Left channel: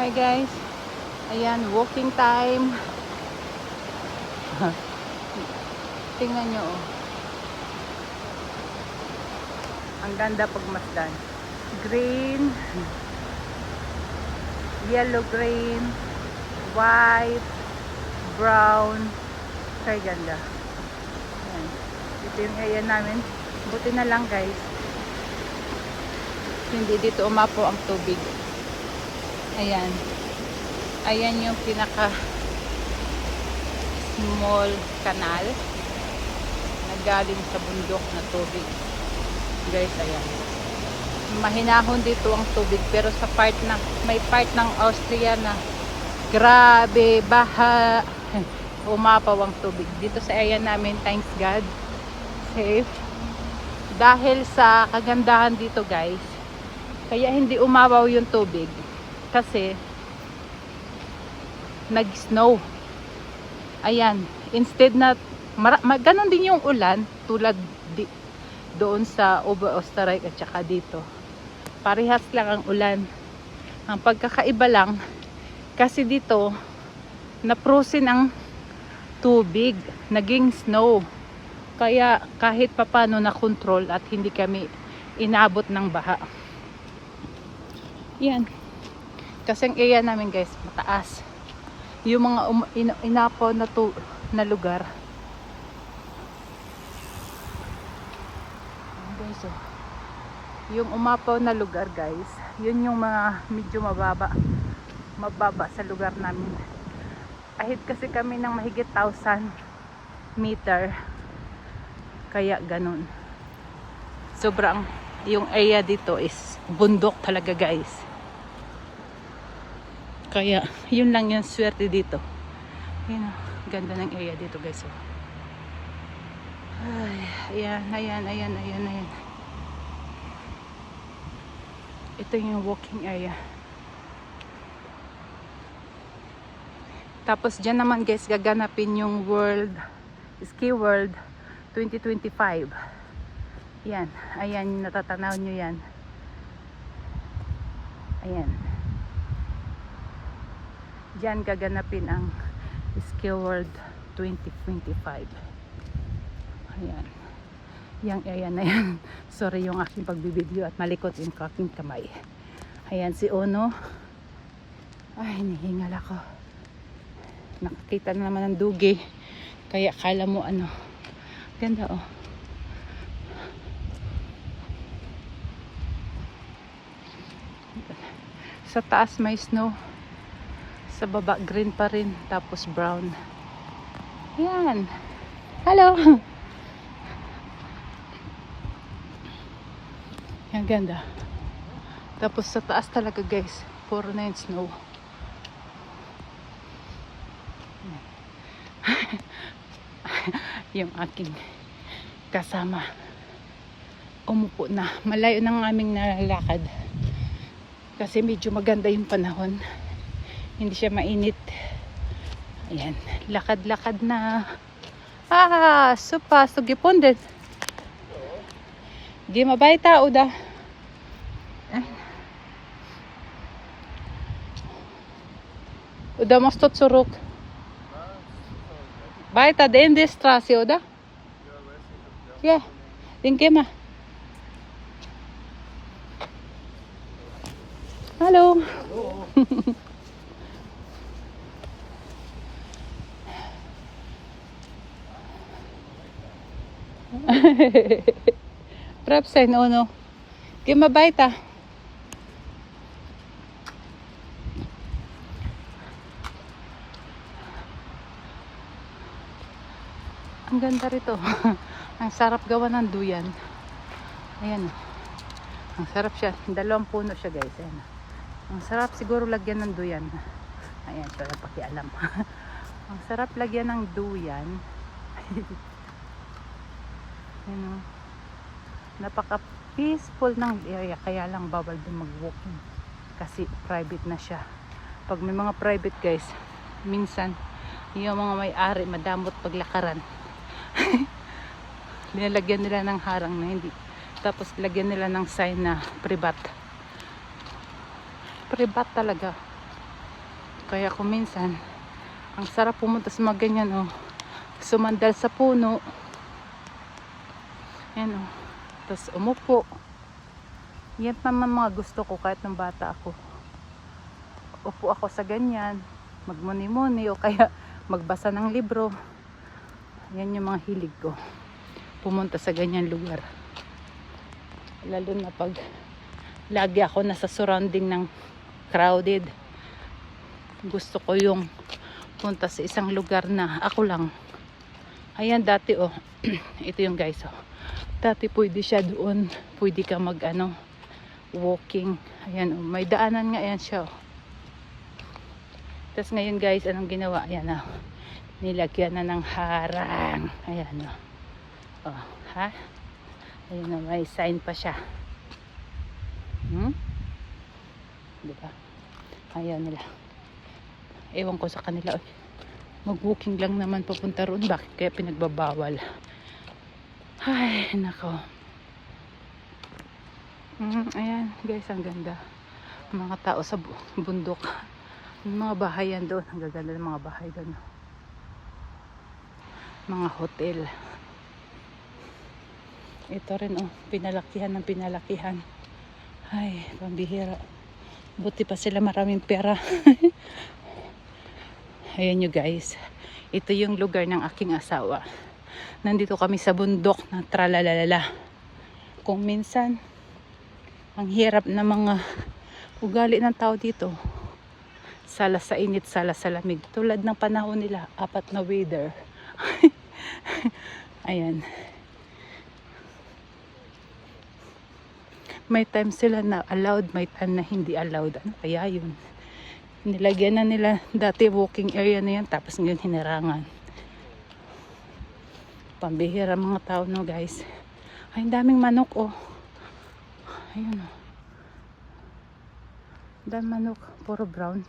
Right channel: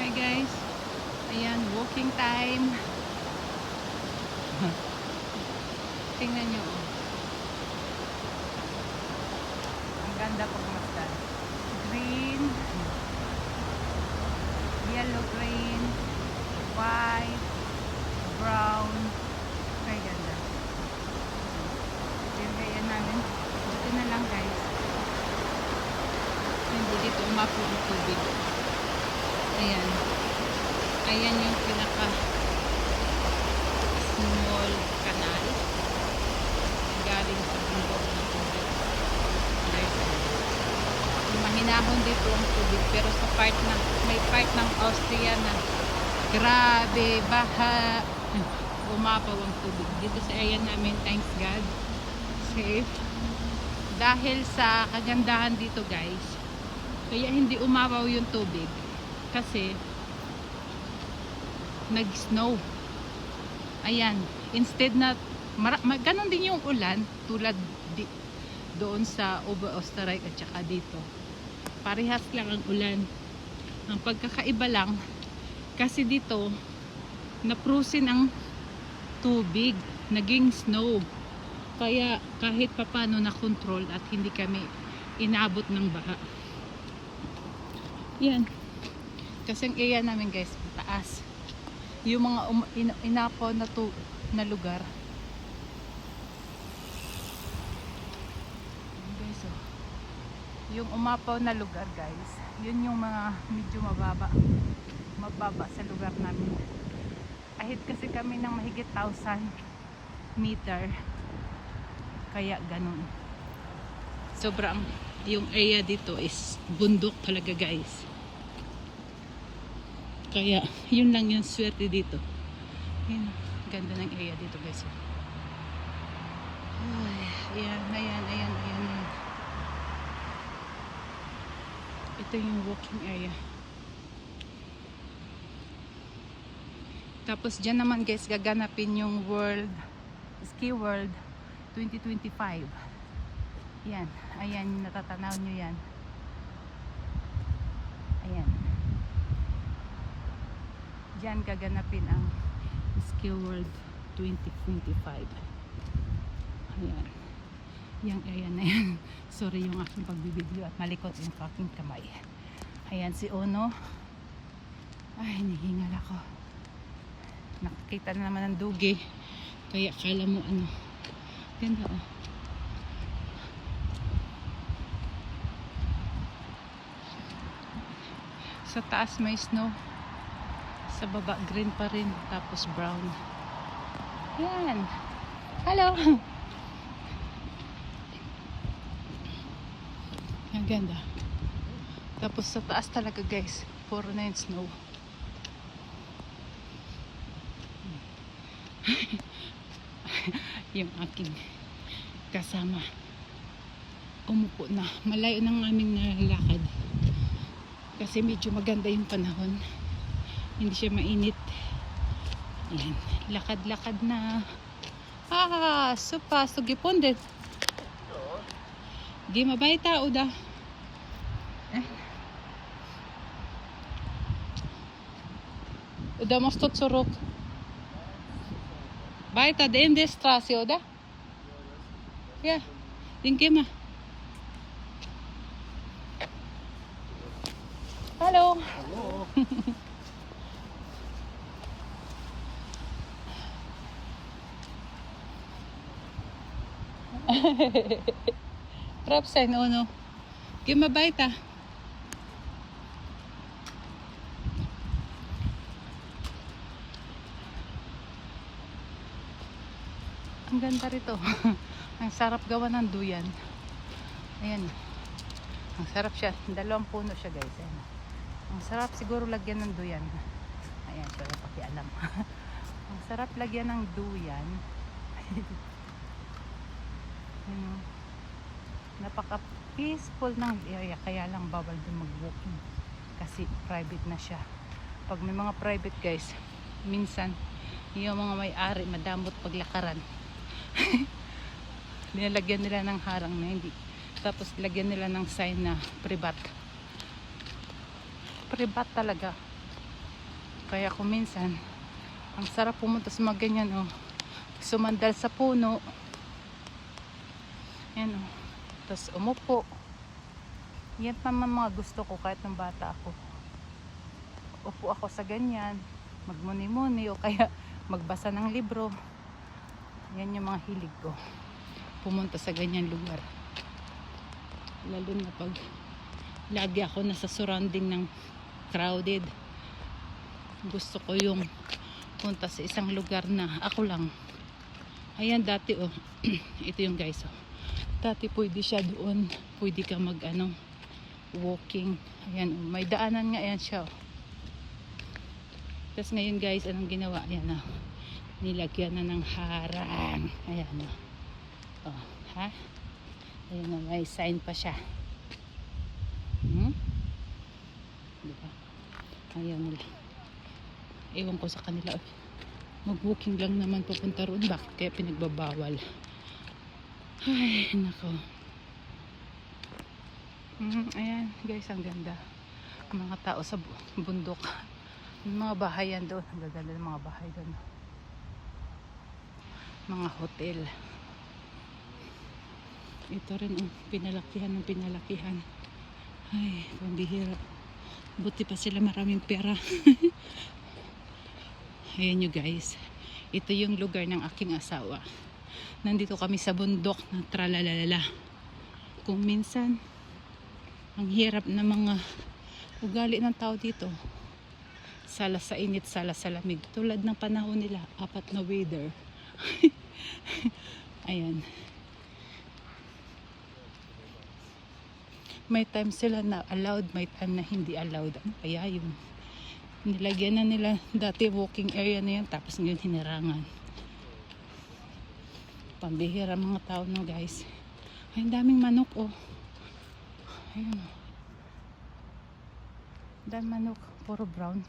Hi guys, ayan, walking time. Tingnan nyo, oh. Ang ganda pagmasdan. Green, yellow green, white, brown. Kaya ganda. Ayan. Ito yung area namin. Buti na lang guys, hindi dito umapo ang tubig. Ayan. Ayan yung pinaka small canal na galing sa bundok na tubig. Guys, ayan. Mahinahon dito ang tubig pero sa part na, may part ng Austria na grabe, baha. Umapaw ang tubig. Dito sa area namin, thanks God, safe. Dahil sa kagandahan dito guys, kaya hindi umapaw yung tubig. Kasi nag-snow. Ayan, instead na ganon din yung ulan tulad doon sa Oberösterreich at saka dito. Parehas lang ang ulan. Ang pagkakaiba lang kasi dito na-frozen ang tubig, naging snow. Kaya kahit papano na control at hindi kami inabot ng baha. Yan. Kasi ang area namin guys, mataas. Yung mga inapo na lugar. Guys, oh. Yung umapaw na lugar guys, yun yung mga medyo mababa sa lugar namin. Ahit kasi kami ng mahigit 1,000 meter. Kaya ganun. Sobrang, yung area dito is bundok talaga guys. Kaya, yun lang yung swerte dito. Yun, ganda ng area dito guys. Ay, ayan. Ito yung walking area. Tapos dyan naman guys, gaganapin yung Ski World 2025. Yan, ayan, natatanaw nyo yan. Ayan. Diyan gaganapin ang Ski World 2025. Ayan. Yang area na yan. Sorry yung aking pagbibideo at malikot yung aking kamay. Ayan si Ono. Ay, nihingal ako. Nakakita na naman ng dugi. Kaya kala mo ano. Ganda oh. Sa taas may snow. Sa baba green pa rin, tapos brown. Yan. Hello. Yan ganda. Tapos sa taas talaga guys, puro na yung snow. Yung aking kasama umupo na. Malayo ng aming nalalakad. Kasi medyo maganda yung panahon. Hindi siya mainit. Ayan. Lakad-lakad na. Super. So gepundet. Geh mal weiter, oder? Oder musst du zurück? Weiter, in die Straße, oder? Ja. Den geh mal. Hallo. Hallo. Prep sein, Ono. Geh mal weiter. Ang ganda rito. Ang sarap gawa ng duyan. Ayan. Ang sarap siya. 2 puno siya guys. Ayan. Ang sarap siguro lagyan ng duyan. Ayan siya. Pakialam. Ang sarap lagyan ng duyan. Ayan, napaka peaceful ng area, kaya lang bawal din mag-walking kasi private na siya. Pag may mga private guys, minsan yung mga may-ari madamot paglakaran. Nilalagyan nila ng harang na hindi, tapos lagyan nila ng sign na privat talaga. Kaya kung minsan, ang sarap pumunta sa mga ganyan, oh. Sumandal sa puno. Yan, oh. Tapos umupo. Yan naman mga gusto ko kahit nung bata ako. Upo ako sa ganyan, magmuni-muni o kaya magbasa ng libro. Yan yung mga hilig ko. Pumunta sa ganyan lugar. Lalo na pag lagi ako nasa surrounding ng crowded. Gusto ko yung punta sa isang lugar na ako lang. Ayan dati oh. Ito yung guys oh. Dati pwede siya doon. Pwede ka mag walking. Ayan oh. May daanan nga yan siya oh. Tapos ngayon guys, anong ginawa? Ayan oh. Nilagyan na ng harang. Ayan oh. Oh, ha? Ayan oh, may sign pa siya. Diba? Ayaw nila. Ewan ko sa kanila. Mag-walking lang naman papunta roon. Bakit kaya pinagbabawal? Ay, nako. Ayan guys, ang ganda. Mga tao sa bundok. Yung mga bahay yan doon. Ang gaganda ng mga bahay doon. Mga hotel. Ito rin oh, pinalakihan ng pinalakihan. Ay, pambihira. Buti pa sila maraming pera. Ayan nyo guys. Ito yung lugar ng aking asawa. Nandito kami sa bundok na tralalala. Kung minsan, ang hirap na mga ugali ng tao dito. Sala sa init, sala sa lamig. Tulad ng panahon nila, 4 na weather. Ayan. May time sila na allowed, may time na hindi allowed. Ano kaya yun? Nilagyan na nila dati walking area na yan, tapos ngayon hinarangan. Pambihira mga tao no guys. Ay, ang daming manok oh. Ayun oh. Daming manok, puro brown.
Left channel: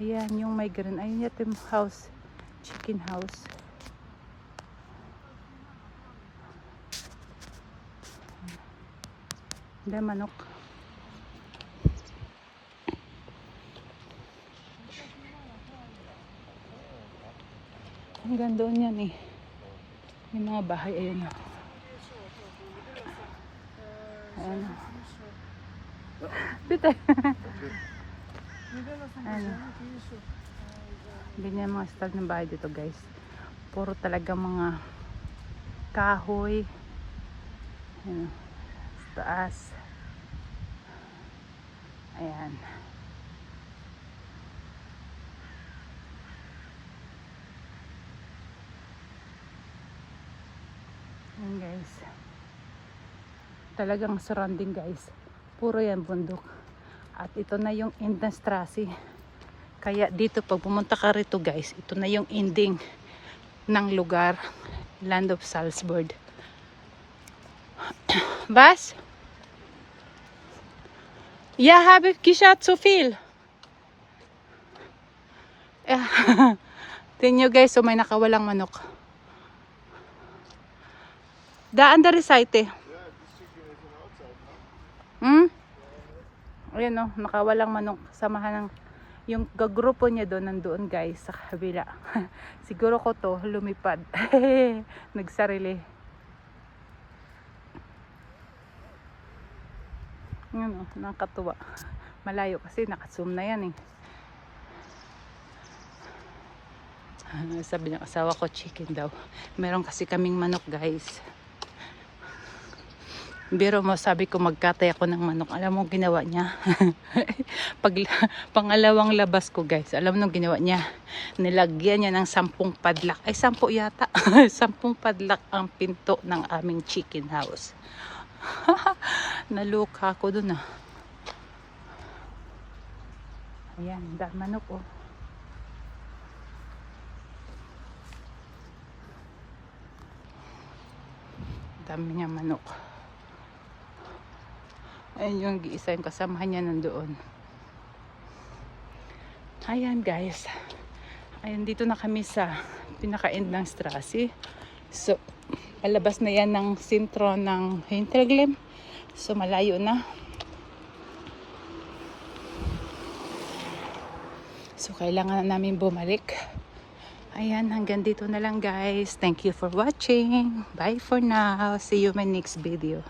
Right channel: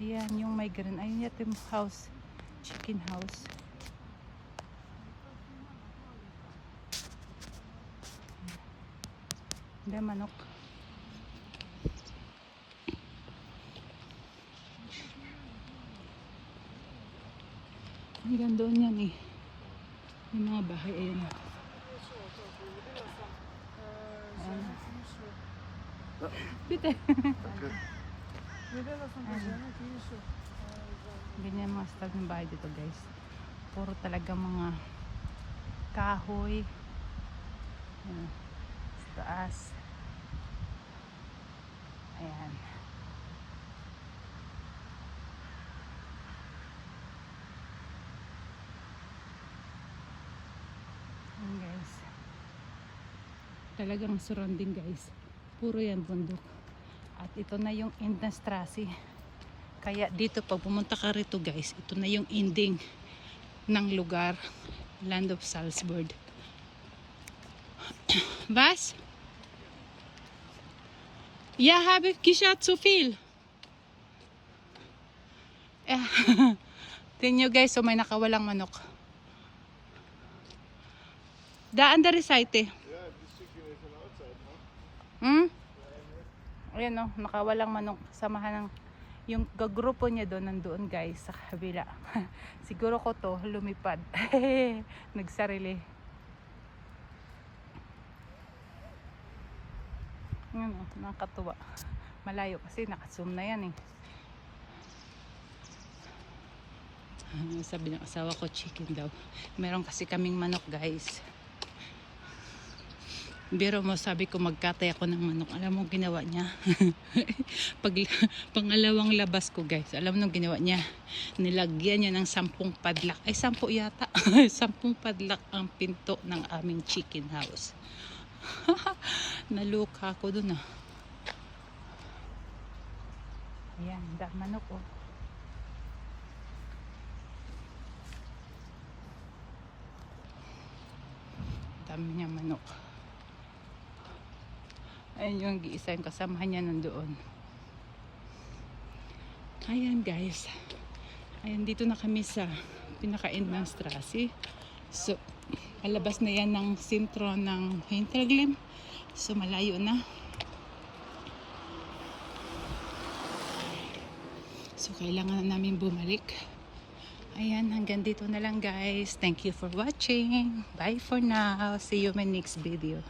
Ayan yung may ganun. Ayun yung house, chicken house. Daming manok. Hanggang doon yan eh. Yung mga bahay, ayun. Ayan. Bite. Ayan. Ganyan mga style ng bahay dito guys. Puro talaga mga kahoy. Ayan. Sa taas. Ayan. Ayan guys. Talagang surrounding guys. Puro yan bundok. At ito na yung end ng Strasi. Kaya dito pag pumunta ka rito guys, ito na yung ending ng lugar. Land of Salzburg. Was? Ja, habe geschaut zu viel. Tingnan nyo guys, so may nakawalang manok. Da andere Seite. Ayan o, nakawalang manok. Samahan ng yung gagrupo niya doon, nandoon guys sa kabila. Siguro ko to lumipad. Nagsarili. Ayan o, nakakatuwa. Malayo kasi nakazoom na yan eh. Sabi ng asawa ko chicken daw. Meron kasi kaming manok guys. Biro mo, sabi ko magkatay ako ng manok. Alam mo ginawa niya? Pangalawang labas ko guys, alam mo ginawa niya? Nilagyan niya ng 10 padlak. Ay 10 yata. 10 padlak ang pinto ng aming chicken house. Naluka ako dun ah. Ayan, dahil manok oh. Dami niya manok. Ayan yung isa yung kasamahan niya nandoon. Ayan guys. Ayan, dito na kami sa pinaka-end ng Strasi. So, palabas na yan ng sentro ng Hinterglemm. So, malayo na. So, kailangan na namin bumalik. Ayan, hanggang dito na lang guys. Thank you for watching. Bye for now. See you in my next video.